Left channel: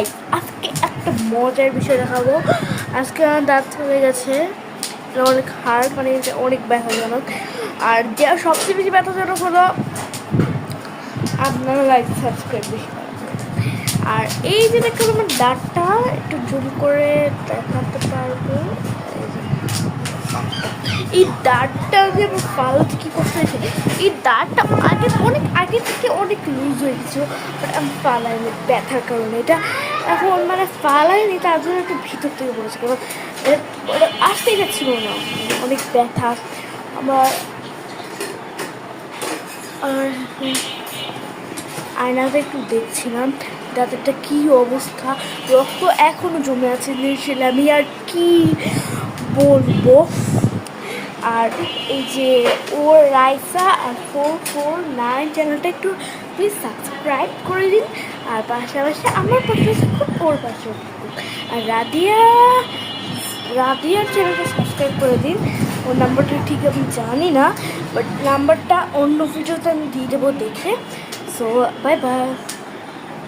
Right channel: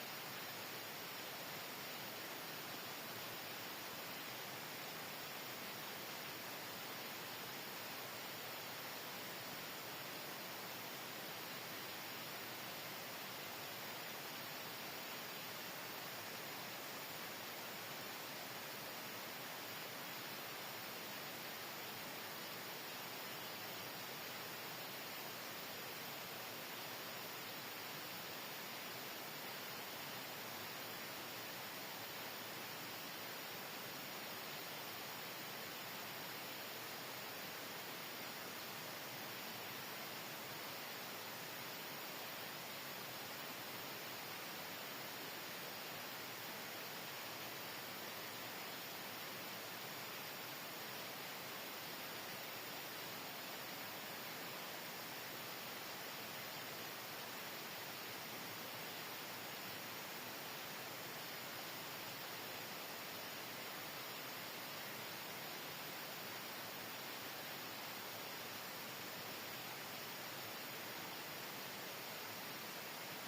Guys আজকে একটা মজার বিষয় দেখাবো। আজকে আমার দাঁত হয়ে গেছে, অনেক হাড়, মানে অনেক ব্যথাজনক। আর যে সবচেয়ে বেশি ব্যথাজনক হলো আপনারা লাইক সাবস্ক্রাইব বেশি করা। আর এই যে দেখুন আমার দাঁতটা একটু জুম করে দেখাতে পারবো। এই দাঁতটা যে আমার ফালতু কী করতে হয়েছে, এই দাঁতটা অনেক আগে থেকে অনেক লুজ হয়ে গেছিলো, বাট আমি ফালাইনি ব্যথার কারণে। এটা এখন মানে ফালাইনি, তার জন্য একটু ভিতর থেকে বলেছে, কারণ ওটা আসতেই যাচ্ছিলো না, অনেক ব্যথা আমার। আর আয়নাতে একটু দেখছিলাম দাঁতেরটা কী অবস্থা, রক্ত এখনও জমে আছে নিশ্চয়, আমি আর কি বলবো। আর এই যে ওর রাইসা আর 449 চ্যানেলটা একটু প্লিজ সাবস্ক্রাইব করে দিন, আর পাশাপাশি আমার পাশে থাকুন, ওর পাশেও থাকুন। আর রাদিয়ার চ্যানেলটা সাবস্ক্রাইব করে দিন। ওর নাম্বারটা ঠিক আমি জানি না, বাট নাম্বারটা অন্য ভিডিওতে আমি দিয়ে দেবো দেখে। So bye bye.